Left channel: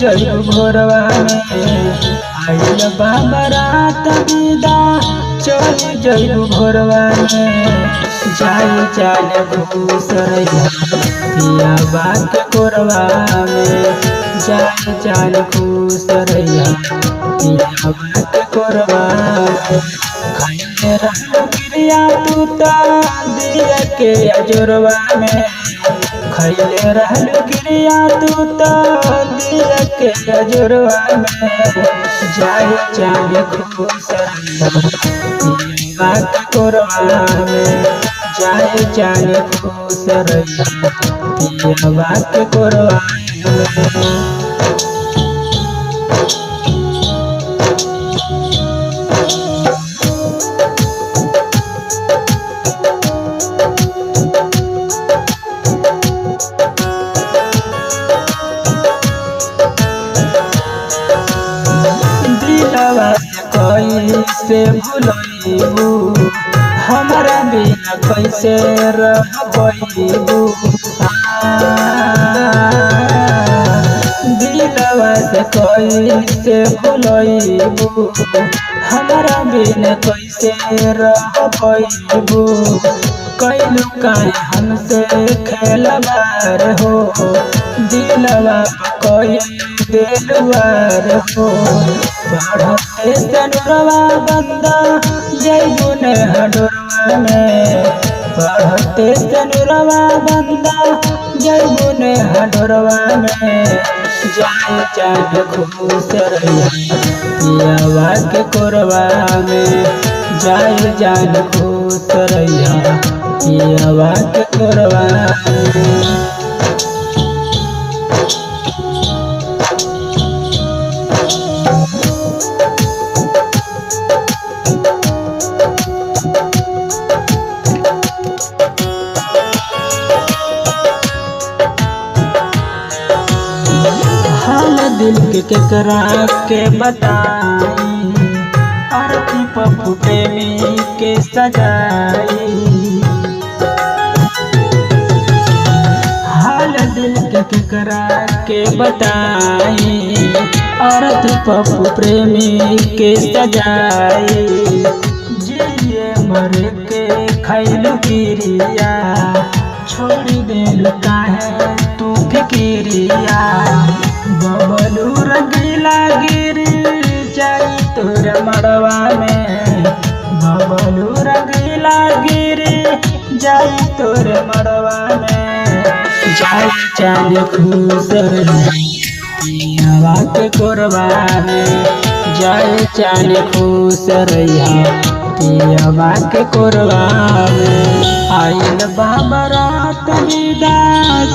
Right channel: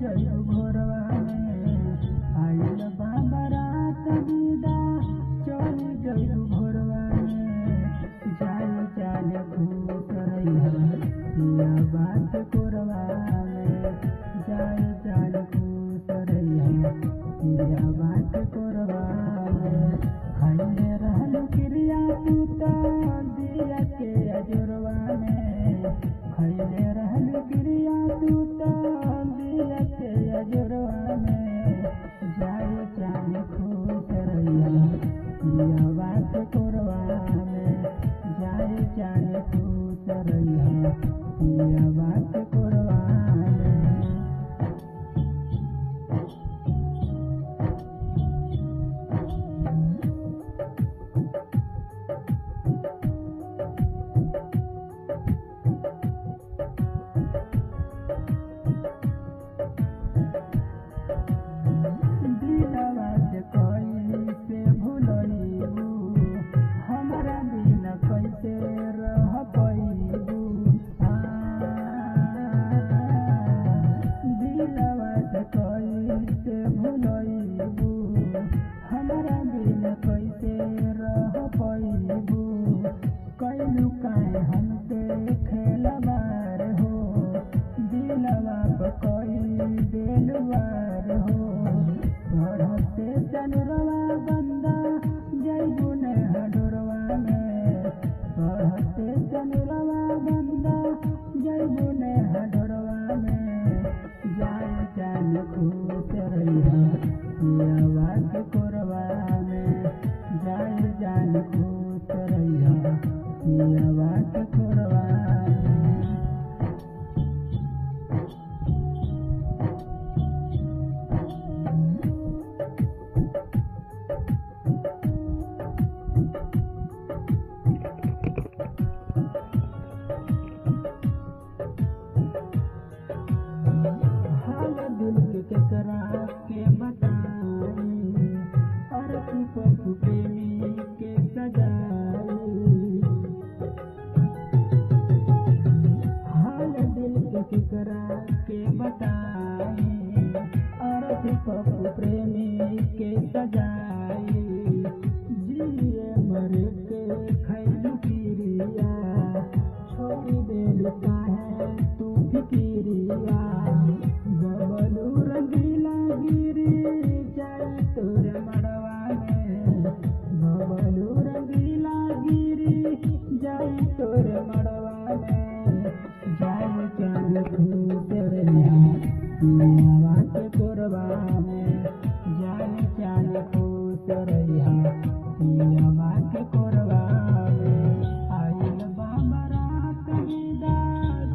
जइबू भोरवा में आइल बा बारात विदा चल जइबू भोरवा में जाई चाल घूस रहिया पिया बात कोरवा में जाई चाल घूस रहिया पिया बात कोरवा में खाइले रहलो क्रिया तू ता दिया के अजोरवा में खैले रहलो क्रिया तू ता दिया के अजोरवा में जाई चाल घूस रहिया पिया बात कोरवा में जाए चाल खुश रहिया पिया बात कोरवा में। दिलवा से कैसे भुलैबू हमारा बिना कैसे रह पैबू दिलवा से कैसे भुलैबू हमारा बिना कैसे रह पैबू कैलू काहे हमसे खेलवार हो दिलवा कई दिलवार हो पढ़ते तनुरवा बंदा जइबू ने हडोरवा में पढ़ते तनुरवा बंदा जइबू ने हडोरवा में जाए चाल खुश रहिया पियावा के कोरवा में जाए चाल खुश रहिया पियावा के कोरवा में। दिल के केकरा के बताई आरती पप्पू प्रेमी के सजाई हाल दिल के केकरा के बताई आरती पप्पू प्रेमी के सजाई जिए मर के खैलू गिरिया छोड़ देलू काहे तू फिकिरिया बबलू रंगीला गिर जाई तोर मड़वा में बबलू रंगीला गिर जाई तोर मड़वा में जाई चाल खुश रहिया पियावा के कोरवा में जाई चाल खुश रहिया पियावा के कोरवा में आइल बा बारात विदा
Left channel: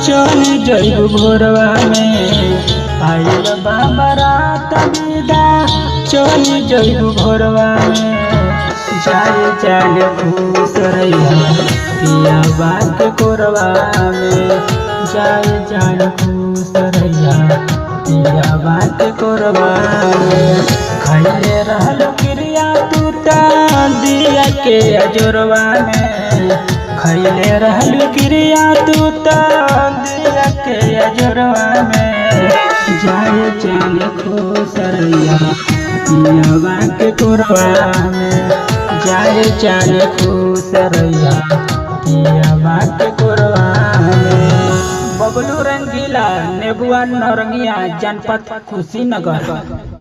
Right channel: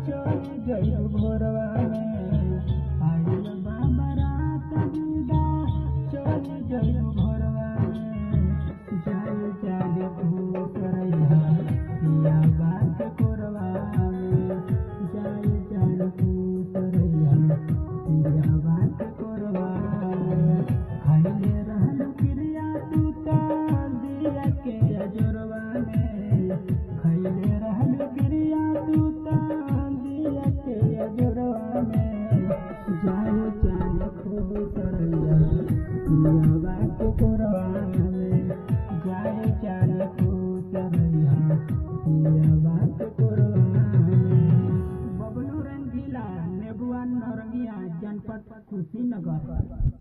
चल जइबू भोरवा में आइल बा बारात विदा चल जइबू भोरवा में जाए चाल खुश रहिया पियावा के कोरवा में जाए चाल खुश रहिया पियावा के कोरवा में खैले रहलो क्रिया तू ता दिया के अजोरवा में खैले रहलो क्रिया तू ता दिया के अजोरवा में जाए चाल खुश रहिया पियावा के कोरवा में जाए चाल खुश रहिया पियावा के कोरवा में। बबलू रंगीला नेबुआ नौरंगिया जनपद कुशीनगर।